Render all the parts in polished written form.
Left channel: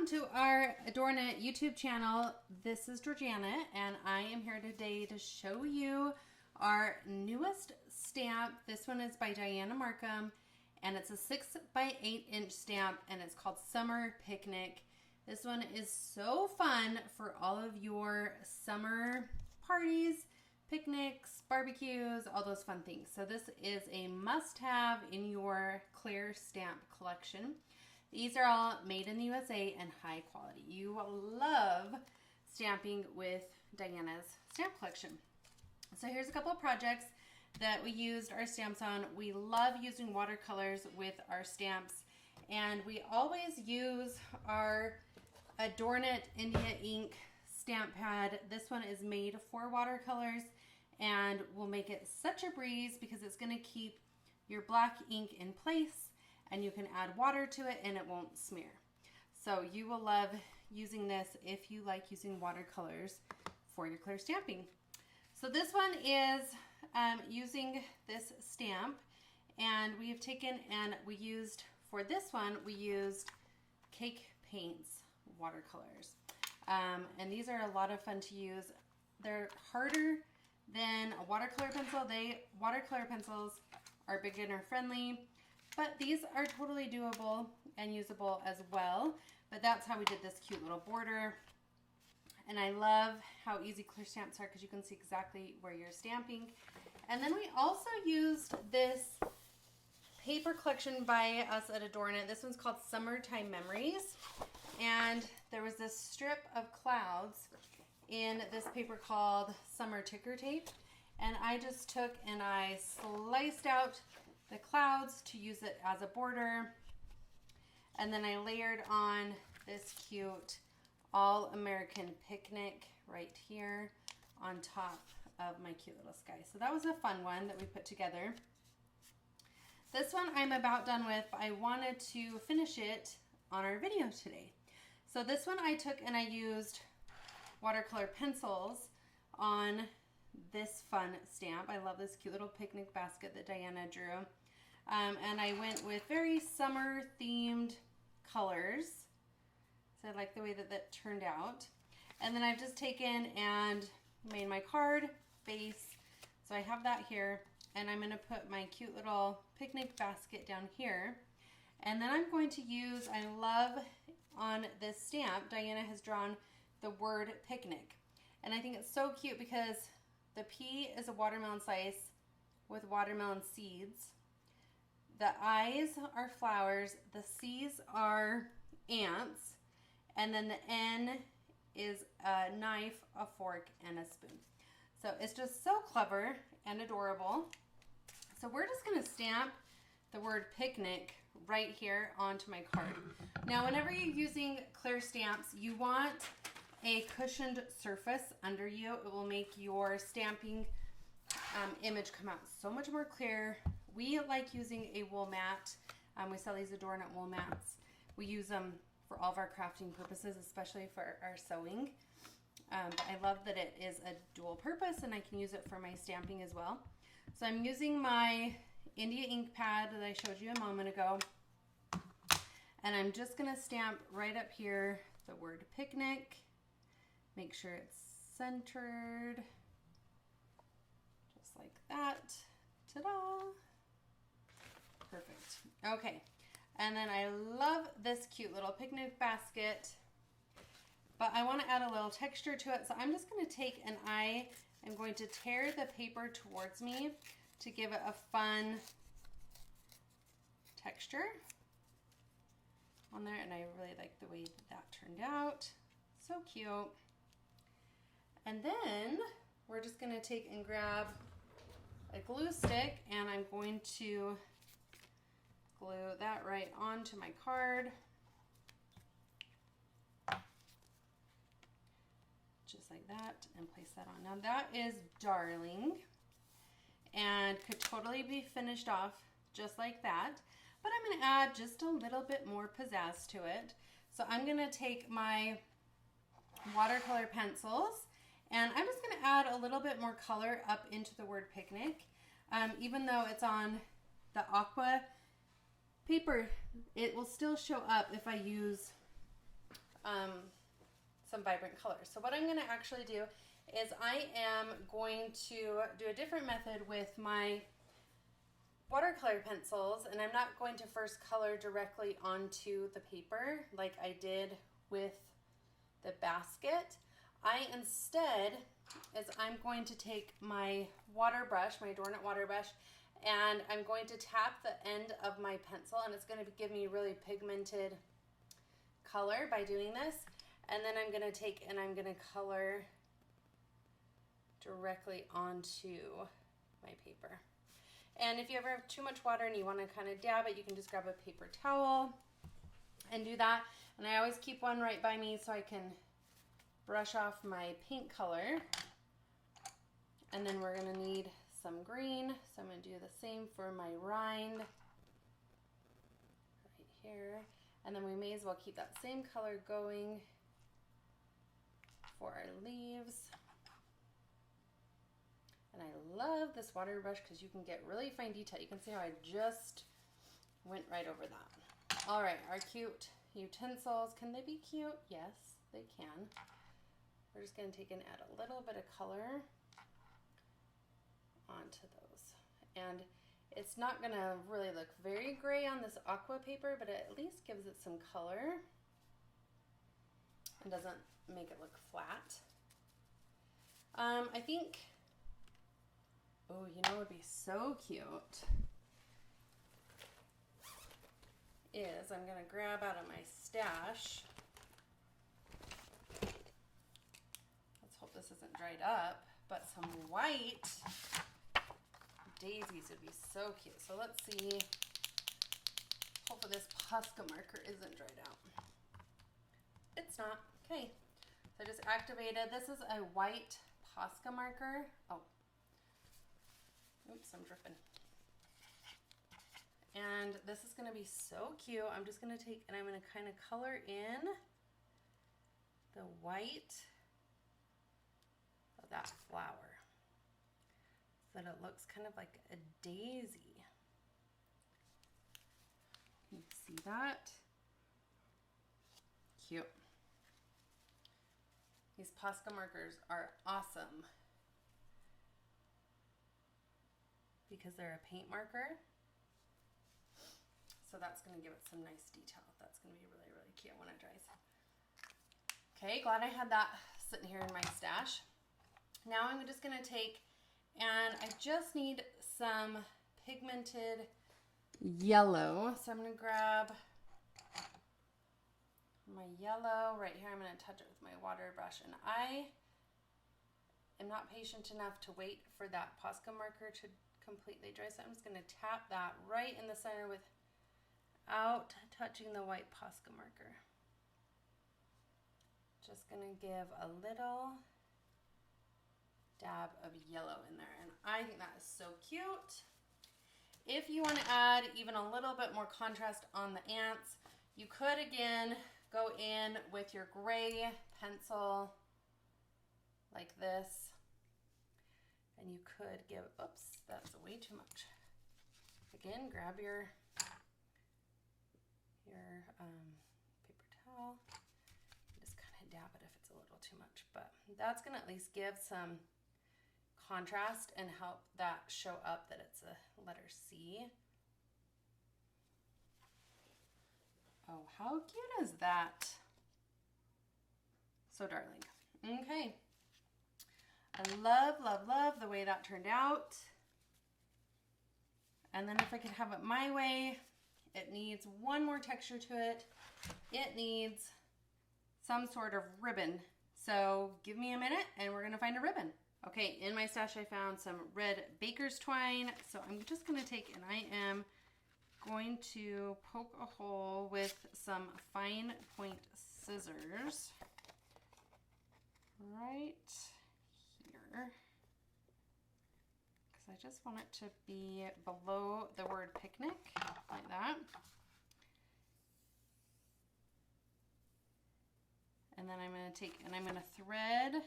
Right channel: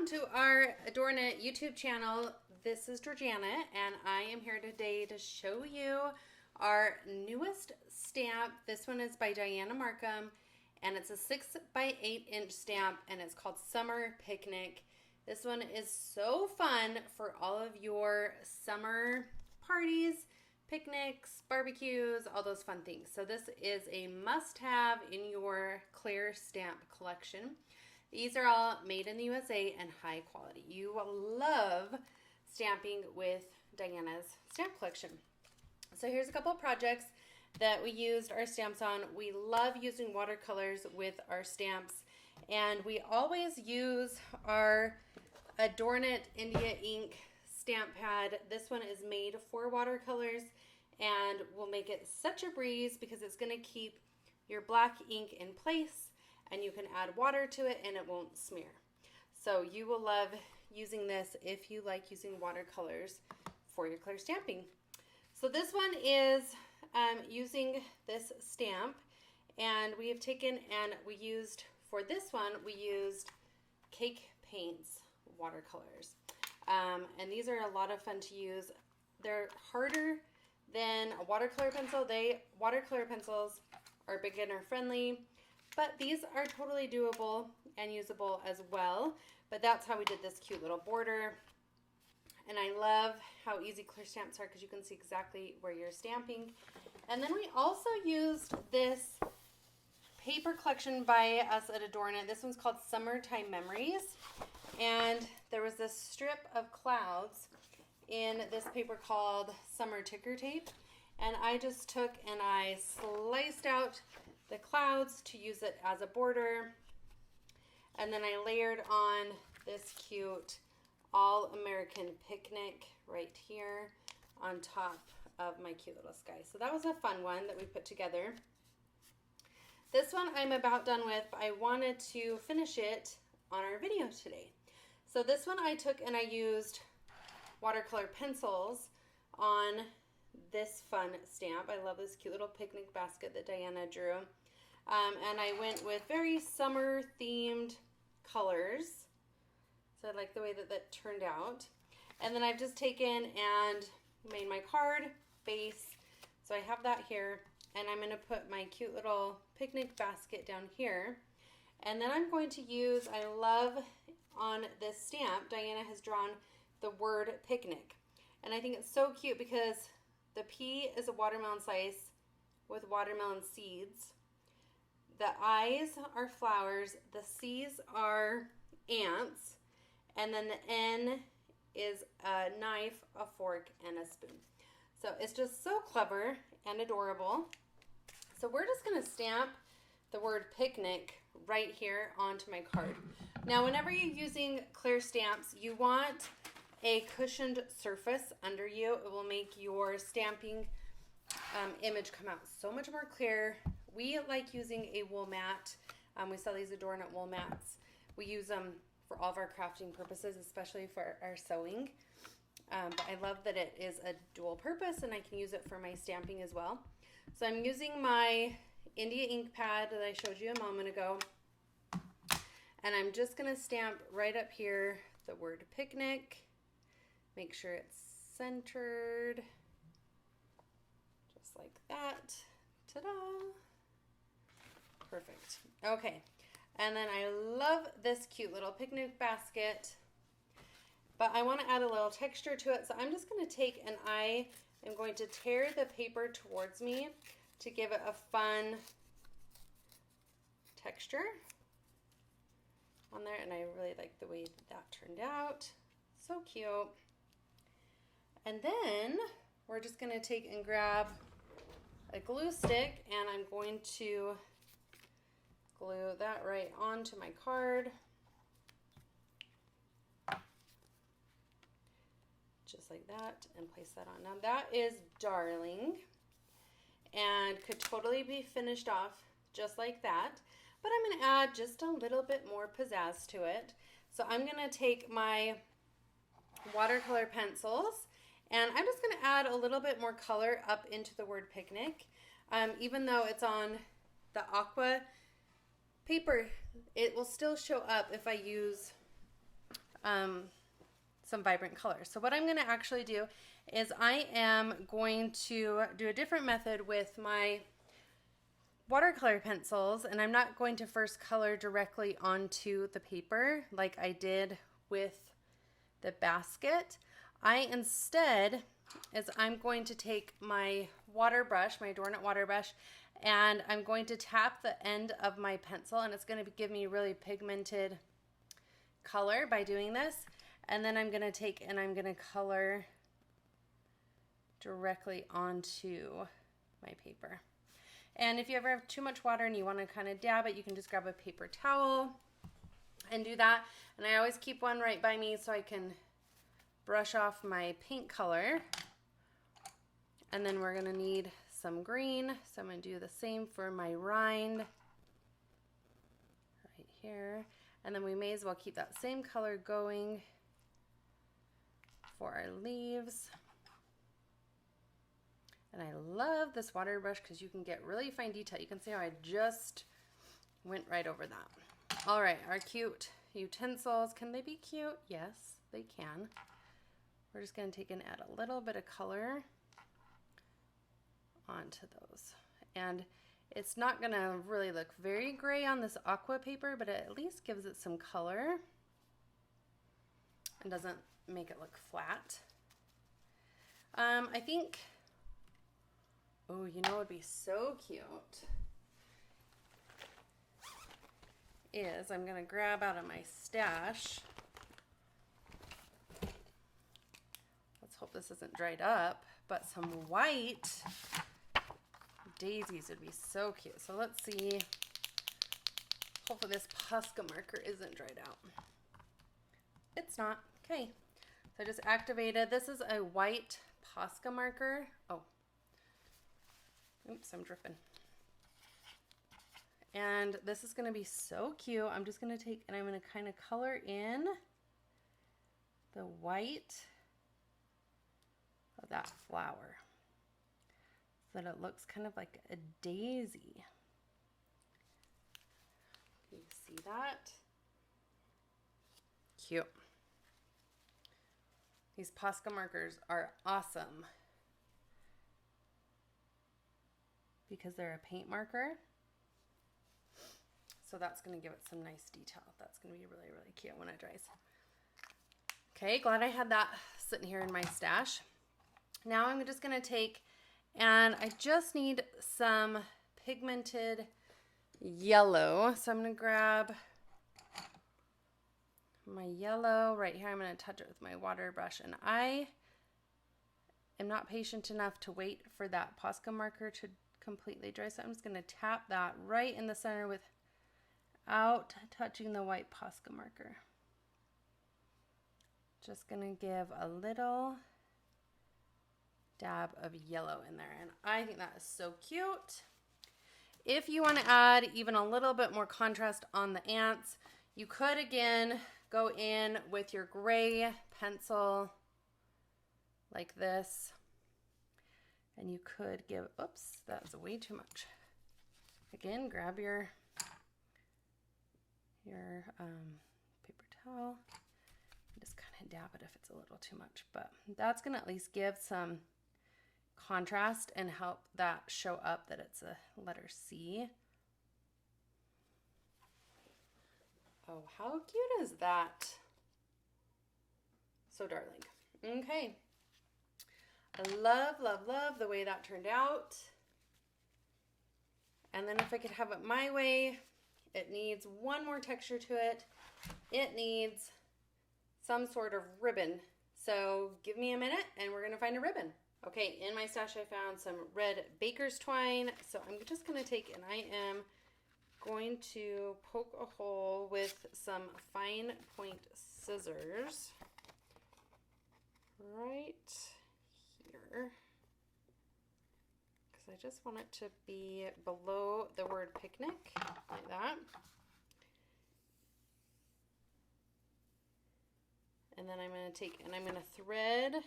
Welcome to our Adorn It YouTube channel. This is Dianna, and I am here today to show you our newest stamp. This one is by Dianna Marcum, and it's a 6 by 8 inch stamp, and it's called Summer Picnic. This one is so fun for all of your summer parties, picnics, barbecues, all those fun things. So this is a must-have in your clear stamp collection. These are all made in the USA and high quality. You will love stamping with Dianna's stamp collection. So here's a couple of projects that we used our stamps on. We love using watercolors with our stamps, and we always use our Adorn It India ink stamp pad. This one is made for watercolors and will make it such a breeze because it's going to keep your black ink in place, and you can add water to it and it won't smear. So you will love using this if you like using watercolors for your clear stamping. So this one is using this stamp, and we have taken and we used, for this one, we used Cake Paints watercolors. And these are a lot of fun to use. They're harder than a watercolor pencil. Watercolor pencils are beginner friendly, but these are totally doable and usable as well. But that's how we did this cute little border. And I love how easy clear stamps are because you can see exactly where you're stamping. And then we also used this paper collection by us at Adorn It. This one's called Summertime Memories. And there was this strip of clouds in this paper called Summer Ticker Tape. And I just took and I sliced out the clouds to use it as a border, and then I layered on this cute All-American Picnic right here on top of my cute little sky. So that was a fun one that we put together. This one I'm about done with, but I wanted to finish it on our video today. So this one I took and I used watercolor pencils on this fun stamp. I love this cute little picnic basket that Dianna drew. And I went with very summer themed colors. So I like the way that that turned out. And then I've just taken and made my card base. So I have that here, and I'm going to put my cute little picnic basket down here. And then I'm going to use, I love on this stamp, Dianna has drawn the word picnic. And I think it's so cute because the P is a watermelon slice with watermelon seeds. The I's are flowers, the C's are ants, and then the N is a knife, a fork, and a spoon. So it's just so clever and adorable. So we're just going to stamp the word picnic right here onto my card. Now, whenever you're using clear stamps, you want a cushioned surface under you. It will make your stamping image come out so much more clear. We like using a wool mat. We sell these Adorn It wool mats. We use them for all of our crafting purposes, especially for our sewing. But I love that it is a dual purpose, and I can use it for my stamping as well. So I'm using my India ink pad that I showed you a moment ago. And I'm just going to stamp right up here the word picnic. Make sure it's centered. Just like that. Ta-da! Perfect. Okay, and then I love this cute little picnic basket, but I want to add a little texture to it, so I'm just going to take and I am going to tear the paper towards me to give it a fun texture on there, and I really like the way that turned out. So cute. And then we're just going to take and grab a glue stick, and I'm going to glue that right onto my card. Just like that, and place that on. Now that is darling and could totally be finished off just like that, but I'm going to add just a little bit more pizzazz to it. So I'm going to take my watercolor pencils, and I'm just going to add a little bit more color up into the word picnic. Even though it's on the aqua paper, it will still show up if I use some vibrant colors. So what I'm going to actually do is I am going to do a different method with my watercolor pencils, and I'm not going to first color directly onto the paper like I did with the basket. I instead I'm going to take my water brush, my Adornit water brush, and I'm going to tap the end of my pencil, and it's going to give me really pigmented color by doing this. And then I'm going to take and I'm going to color directly onto my paper. And if you ever have too much water and you want to kind of dab it, you can just grab a paper towel and do that. And I always keep one right by me so I can brush off my paint color. And then we're going to need some green. So I'm going to do the same for my rind right here. And then we may as well keep that same color going for our leaves. And I love this water brush because you can get really fine detail. You can see how I just went right over that. All right, our cute utensils. Can they be cute? Yes, they can. We're just going to take and add a little bit of color onto those. And it's not going to really look very gray on this aqua paper, but it at least gives it some color. It doesn't make it look flat. I think, oh, you know what would be so cute is I'm going to grab out of my stash. Let's hope this isn't dried up, but some white daisies would be so cute. So let's see. Hopefully this Posca marker isn't dried out. It's not. Okay. So I just activated. This is a white Posca marker. Oh. Oops, I'm dripping. And this is going to be so cute. I'm just going to take and I'm going to kind of color in the white of that flower so that it looks kind of like a daisy. You see that? Cute. These Posca markers are awesome because they're a paint marker. So that's going to give it some nice detail. That's going to be really, really cute when it dries. Okay, glad I had that sitting here in my stash. Now I'm just going to take, and I just need some pigmented yellow. So I'm going to grab my yellow right here. I'm going to touch it with my water brush, and I am not patient enough to wait for that Posca marker to completely dry. So I'm just going to tap that right in the center without touching the white Posca marker. Just going to give a little dab of yellow in there, and I think that is so cute. If you want to add even a little bit more contrast on the ants, you could again go in with your gray pencil like this, and you could give, oops, that's way too much. Again, grab your paper towel and just kind of dab it if it's a little too much, but that's going to at least give some contrast and help that show up that it's a letter C. Oh, how cute is that? So darling. Okay. I love, love, love the way that turned out. And then if I could have it my way, it needs one more texture to it. It needs some sort of ribbon. So give me a minute and we're gonna find a ribbon. Okay, in my stash I found some red baker's twine. So I'm just gonna take, and I am going to poke a hole with some fine point scissors right here, because I just want it to be below the word picnic, like that. And then I'm going to take and I'm going to thread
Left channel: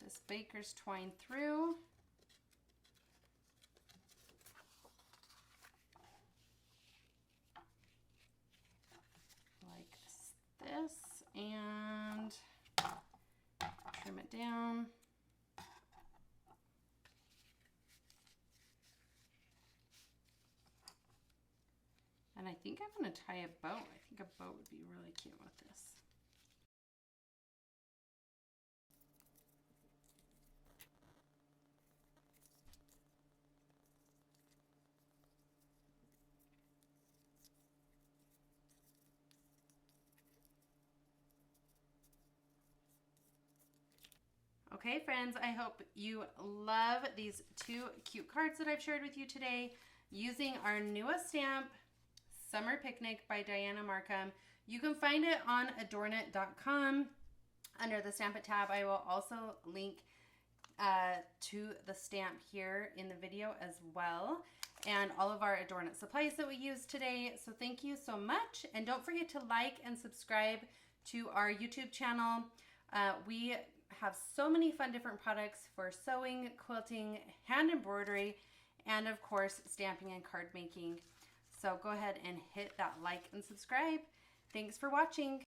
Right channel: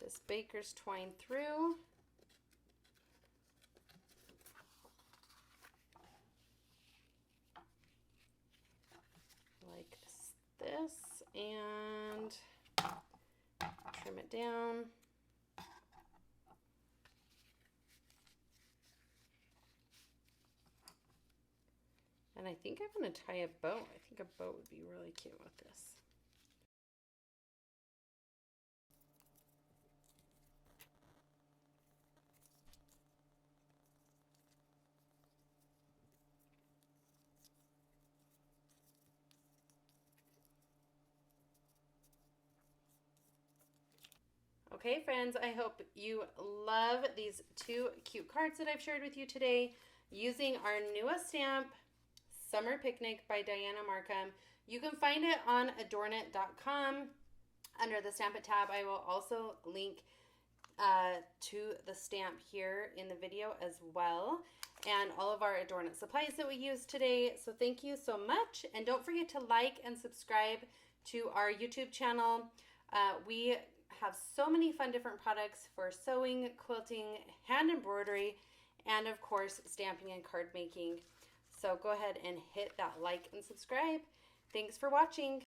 this baker's twine through. Like and trim it down. And I think I'm going to tie a bow. I think a bow would be really cute with this. Okay, friends, I hope you love these two cute cards that I've shared with you today using our newest stamp, Summer Picnic by Dianna Marcum. You can find it on adornit.com under the Stamp It tab. I will also link to the stamp here in the video as well, and all of our Adorn It supplies that we used today. So thank you so much, and don't forget to like and subscribe to our YouTube channel. We have so many fun different products for sewing, quilting, hand embroidery, and of course stamping and card making. So go ahead and hit that like and subscribe. Thanks for watching.